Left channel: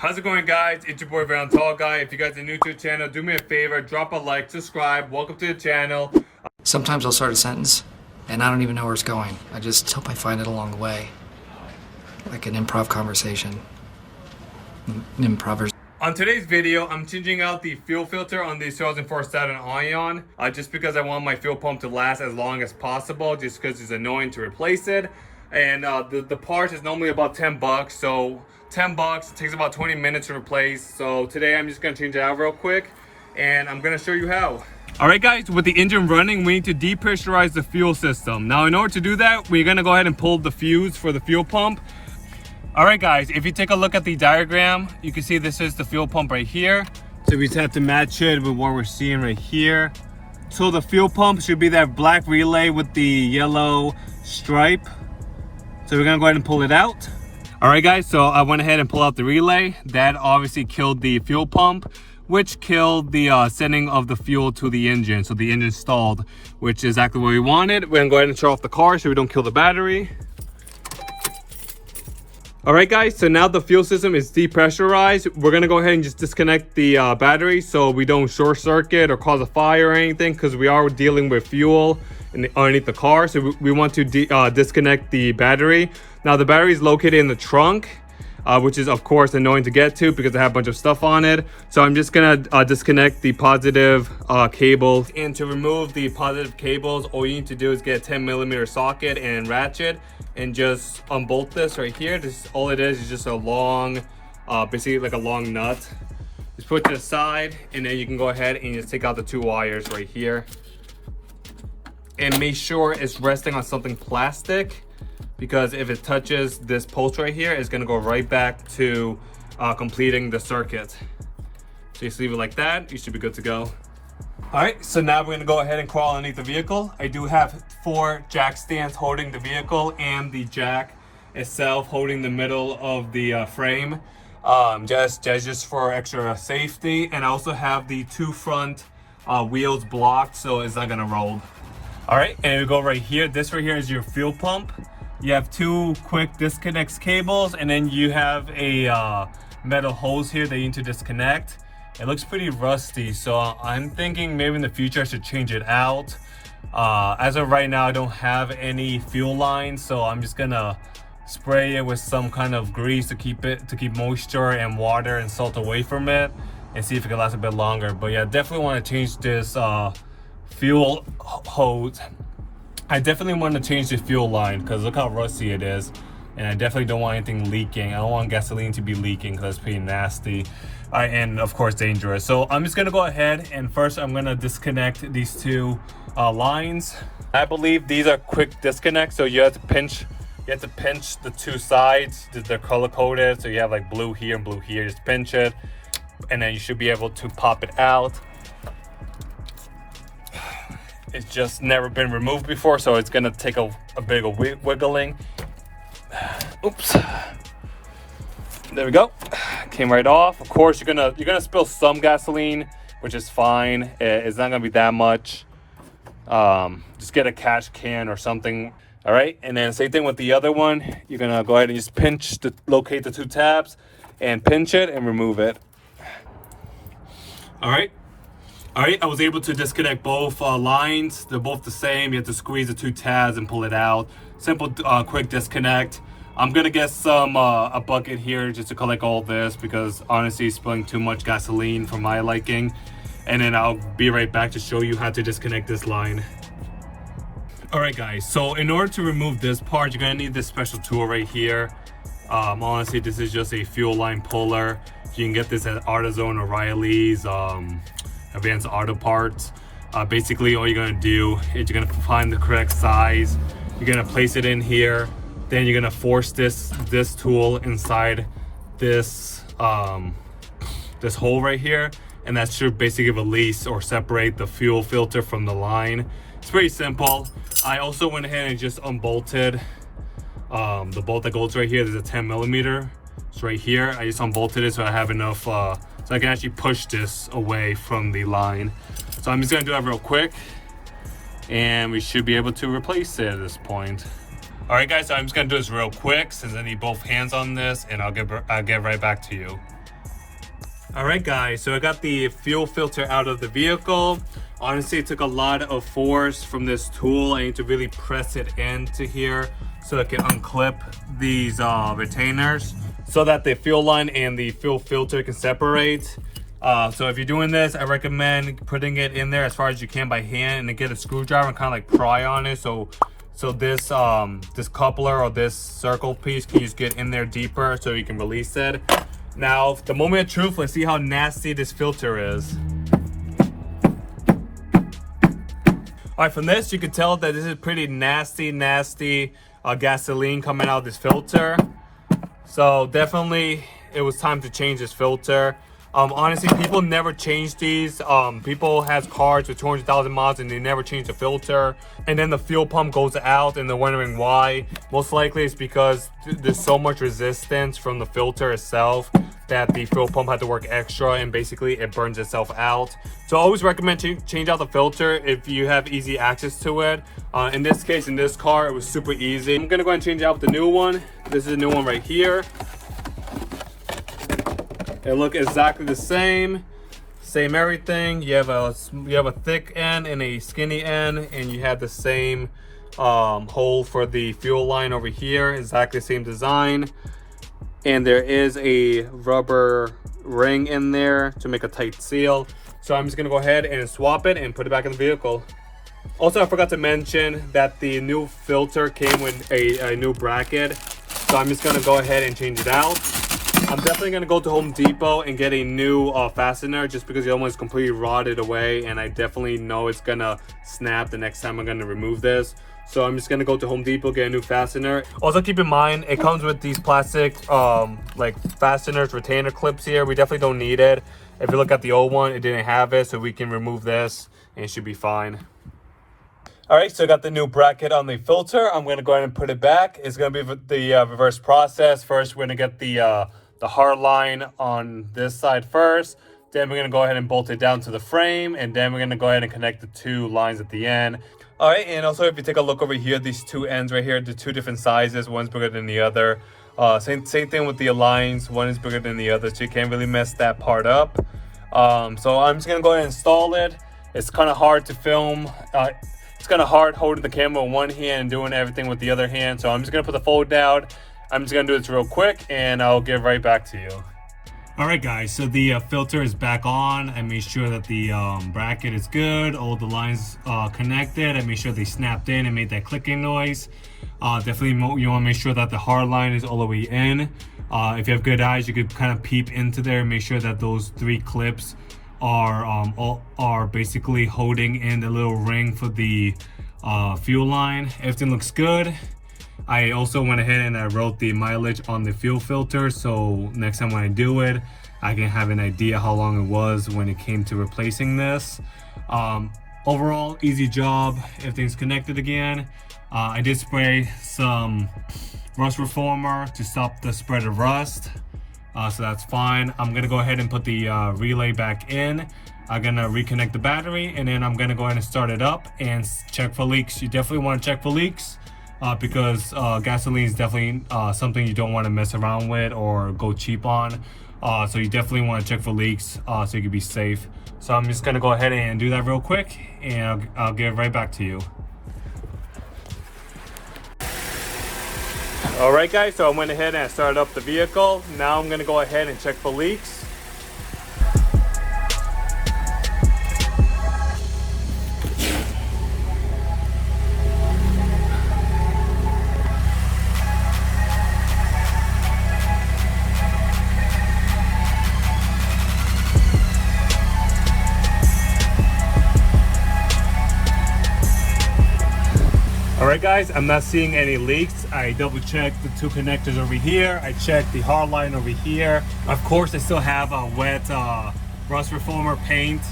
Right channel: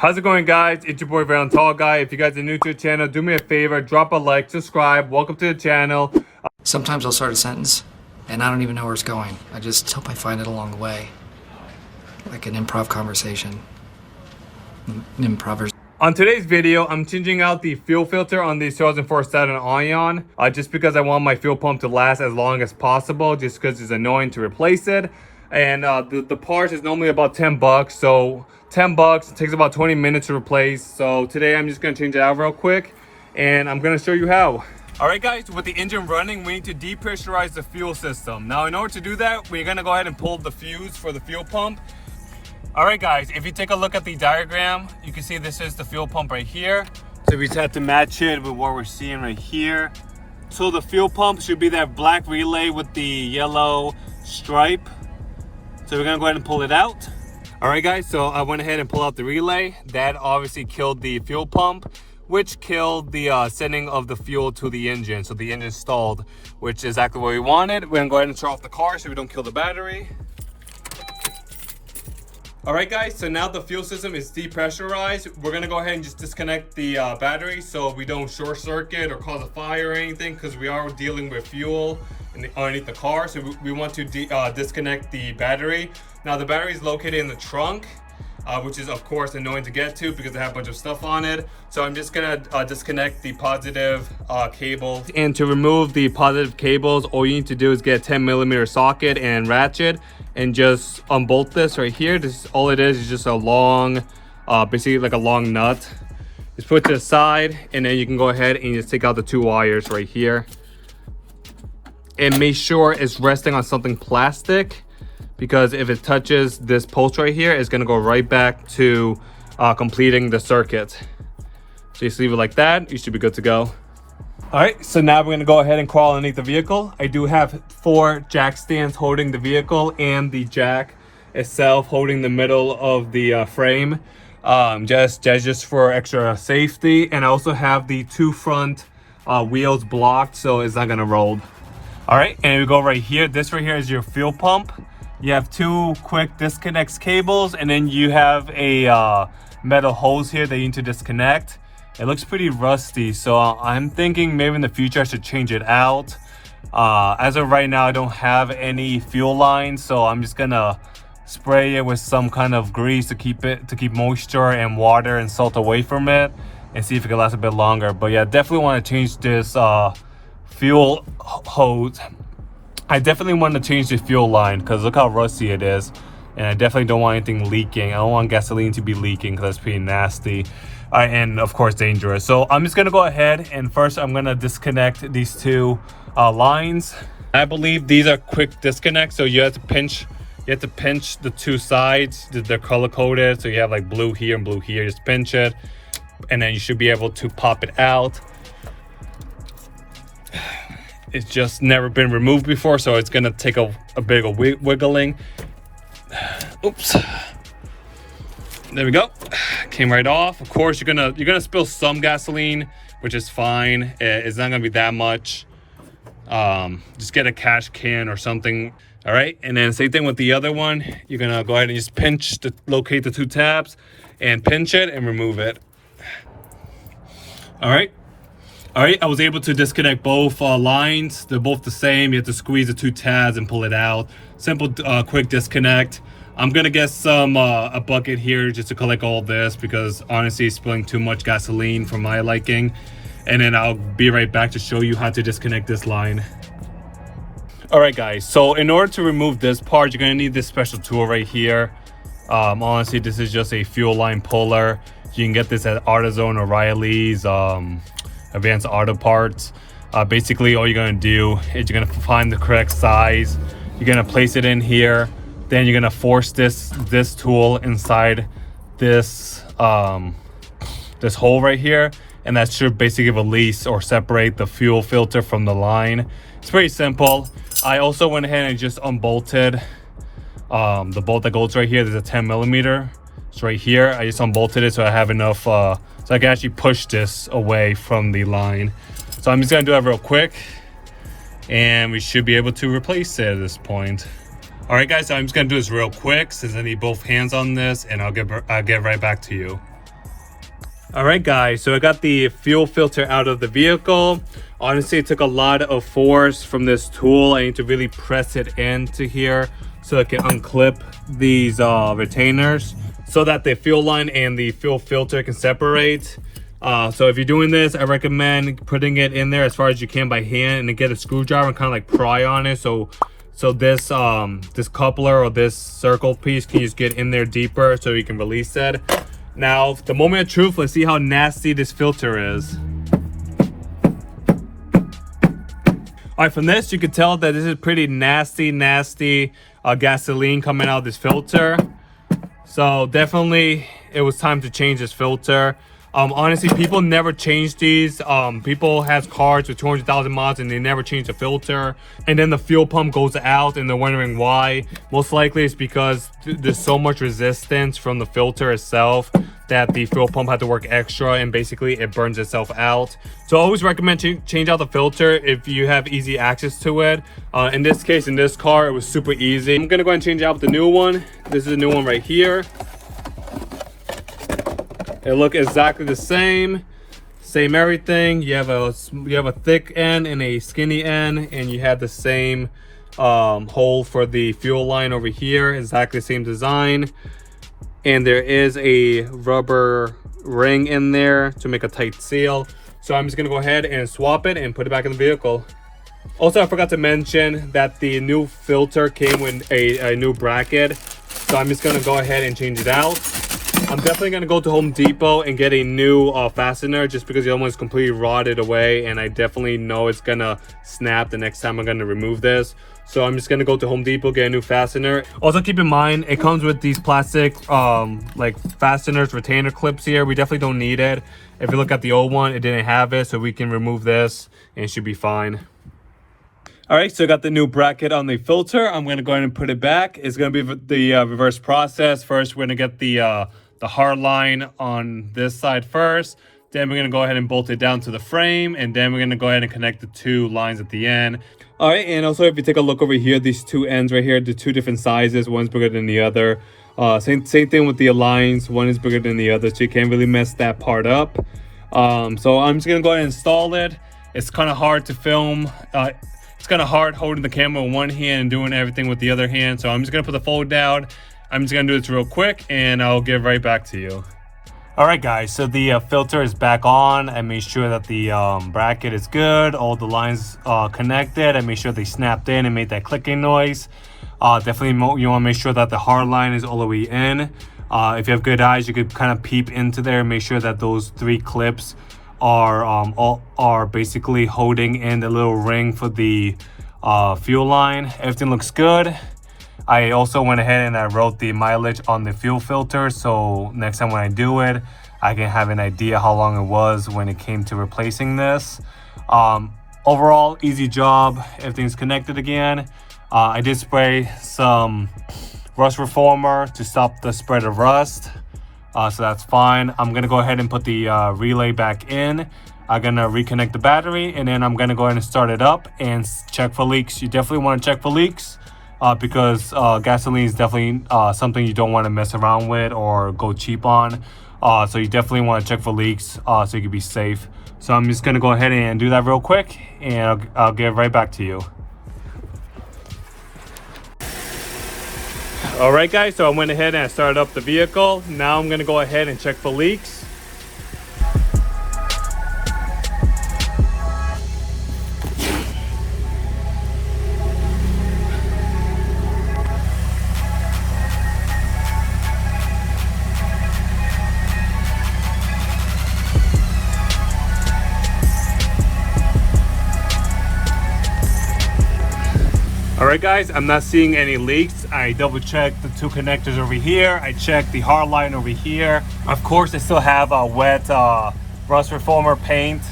How's it going, guys? It's your boy Random Tall Guy. If you guys are new to the channel, do me a favor, drop a like, subscribe. Welcome to the channel. Sometimes I'll start a sentence and I don't even know where it's going. I just hope I find it along the way. Like an improv conversation. On today's video, I'm changing out the fuel filter on the 2004 Saturn Ion, just because I want my fuel pump to last as long as possible, just because it's annoying to replace it. And the part is normally about 10 bucks, so 10 bucks, it takes about 20 minutes to replace. So today I'm just gonna change it out real quick, and I'm gonna show you how. All right, guys, with the engine running, we need to depressurize the fuel system. Now, in order to do that, we're gonna go ahead and pull the fuse for the fuel pump. All right, guys, if you take a look at the diagram, you can see this is the fuel pump right here. So we just have to match it with what we're seeing right here. So the fuel pump should be that black relay with the yellow stripe. So we're gonna go ahead and pull it out. All right, guys, so I went ahead and pulled out the relay. That obviously killed the fuel pump, which killed the sending of the fuel to the engine. So the engine stalled, which is exactly what we wanted. We're gonna go ahead and shut off the car so we don't kill the battery. All right, guys, so now the fuel system is depressurized. We're gonna go ahead and just disconnect the battery so we don't short circuit or cause a fire or anything, because we are dealing with fuel underneath the car. So we want to disconnect the battery. Now the battery is located in the trunk, which is of course annoying to get to because I have a bunch of stuff on it. So I'm just gonna disconnect the positive cable. And to remove the positive cables, all you need to do is get a 10mm socket and ratchet and just unbolt this right here. This all it is just a long, basically like a long nut. Just put it to the side, and then you can go ahead and just take out the two wires right here. And make sure it's resting on something plastic, because if it touches this post right here, it's gonna go right back to completing the circuit. So just leave it like that, you should be good to go. All right, so now we're gonna go ahead and crawl underneath the vehicle. I do have 4 jack stands holding the vehicle and the jack itself holding the middle of the frame, just for extra safety. And I also have the 2 front wheels blocked, so it's not gonna roll. All right, and we go right here. This right here is your fuel pump. You have 2 quick disconnects cables, and then you have a metal hose here that you need to disconnect. It looks pretty rusty, so I'm thinking maybe in the future I should change it out. As of right now, I don't have any fuel lines, so I'm just gonna spray it with some kind of grease to keep moisture and water and salt away from it, and see if it can last a bit longer. But yeah, definitely want to change this fuel hose. I definitely want to change the fuel line because look how rusty it is, and I definitely don't want anything leaking. I don't want gasoline to be leaking because that's pretty nasty. And of course dangerous. So I'm just gonna go ahead and first I'm gonna disconnect these 2 lines. I believe these are quick disconnects, so you have to pinch the 2 sides. They're color coded, so you have like blue here and blue here. Just pinch it, and then you should be able to pop it out. It's just never been removed before, so it's gonna take a bit of wiggling. Oops. There we go. Came right off. Of course, you're gonna spill some gasoline, which is fine. It's not gonna be that much. Just get a cash can or something. All right, and then same thing with the other one. You're gonna go ahead and just locate the 2 tabs and pinch it and remove it. All right, I was able to disconnect both lines. They're both the same. You have to squeeze the 2 tabs and pull it out. Simple, quick disconnect. I'm gonna get some a bucket here just to collect all this, because honestly it's spilling too much gasoline for my liking. And then I'll be right back to show you how to disconnect this line. All right, guys, so in order to remove this part, you're gonna need this special tool right here. Honestly, this is just a fuel line puller. You can get this at AutoZone or Riley's, Advanced Auto Parts. Basically all you're gonna do is you're gonna find the correct size. You're gonna place it in here. Then you're gonna force this tool inside this this hole right here, and that should basically release or separate the fuel filter from the line. It's pretty simple. I also went ahead and just unbolted the bolt that goes right here. There's a 10mm. It's right here. I just unbolted it so I have enough so I can actually push this away from the line. So I'm just gonna do that real quick, and we should be able to replace it at this point. All right, guys, so I'm just gonna do this real quick since I need both hands on this, and I'll get right back to you. All right, guys, so I got the fuel filter out of the vehicle. Honestly, it took a lot of force from this tool. I need to really press it into here so I can unclip these retainers so that the fuel line and the fuel filter can separate. So if you're doing this, I recommend putting it in there as far as you can by hand, and then get a screwdriver and kind of like pry on it. So this this coupler or this circle piece can just get in there deeper so you can release it. Now, the moment of truth, let's see how nasty this filter is. All right, from this, you can tell that this is pretty nasty gasoline coming out of this filter. So definitely, it was time to change this filter. Honestly, people never change these. People have cars with 200,000 miles and they never change the filter. And then the fuel pump goes out and they're wondering why. Most likely it's because there's so much resistance from the filter itself that the fuel pump had to work extra, and basically it burns itself out. So I always recommend change out the filter if you have easy access to it. In this case, in this car, it was super easy. I'm gonna go ahead and change out the new one. This is a new one right here. It look exactly the same everything. You have a thick end and a skinny end, and you have the same hole for the fuel line over here, exactly the same design. And there is a rubber ring in there to make a tight seal. So I'm just gonna go ahead and swap it and put it back in the vehicle. Also, I forgot to mention that the new filter came with a new bracket. So I'm just gonna go ahead and change it out. I'm definitely gonna go to Home Depot and get a new fastener, just because the other one's completely rotted away, and I definitely know it's gonna snap the next time I'm gonna remove this. So I'm just gonna go to Home Depot, get a new fastener. Also, keep in mind, it comes with these plastic like fasteners, retainer clips here. We definitely don't need it. If you look at the old one, it didn't have it, so we can remove this and it should be fine. All right, so I got the new bracket on the filter. I'm gonna go ahead and put it back. It's gonna be the reverse process. First, we're gonna get the hard line on this side first. Then we're gonna go ahead and bolt it down to the frame, and then we're gonna go ahead and connect the two lines at the end. All right, and also if you take a look over here, these two ends right here, the two different sizes, one's bigger than the other. Same thing with the lines, one is bigger than the other, so you can't really mess that part up. So I'm just gonna go ahead and install it. It's kind of hard to film. It's kind of hard holding the camera with one hand and doing everything with the other hand. So I'm just gonna put the phone down. I'm just gonna do this real quick and I'll get right back to you. All right, guys, so the filter is back on. I made sure that the bracket is good, all the lines connected. I made sure they snapped in and made that clicking noise. Definitely you wanna make sure that the hard line is all the way in. If you have good eyes, you could kind of peep into there and make sure that those three clips are basically holding in the little ring for the fuel line. Everything looks good. I also went ahead and I wrote the mileage on the fuel filter, so next time when I do it, I can have an idea how long it was when it came to replacing this. Overall, easy job. Everything's connected again. I did spray some rust reformer to stop the spread of rust, so that's fine. I'm gonna go ahead and put the relay back in. I'm gonna reconnect the battery, and then I'm gonna go ahead and start it up and check for leaks. You definitely want to check for leaks. Because gasoline is definitely something you don't want to mess around with or go cheap on. So you definitely want to check for leaks so you can be safe. So I'm just going to go ahead and do that real quick, and I'll get right back to you. All right, guys, so I went ahead and I started up the vehicle. Now I'm going to go ahead and check for leaks. Alright guys, I'm not seeing any leaks. I double checked the two connectors over here. I checked the hard line over here. Of course, I still have a wet rust reformer paint,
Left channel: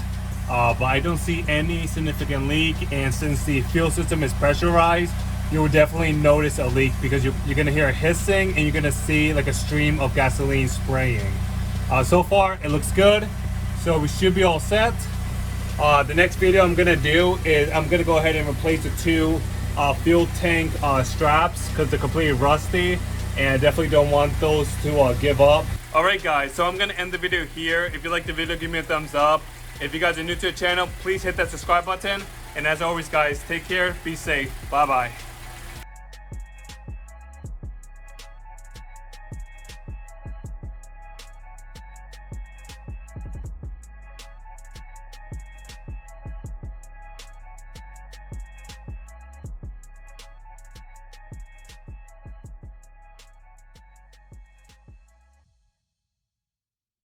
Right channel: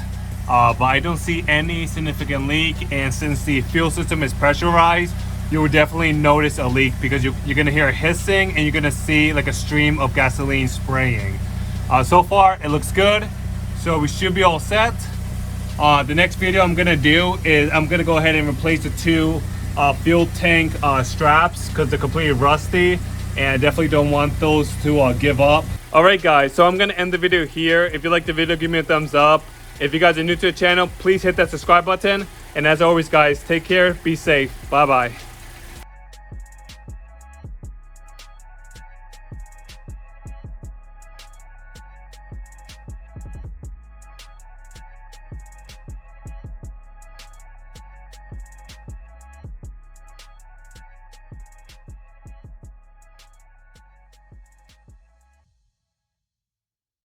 but I don't see any significant leak. And since the fuel system is pressurized, you will definitely notice a leak because you're gonna hear it hissing and you're gonna see like a stream of gasoline spraying. So far, it looks good. So we should be all set. The next video I'm gonna do is I'm gonna go ahead and replace the two fuel tank straps because they're completely rusty, and I definitely don't want those to give up. Alright guys, so I'm gonna end the video here. If you like the video, give me a thumbs up. If you guys are new to the channel, please hit that subscribe button. And as always guys, take care, be safe, bye bye.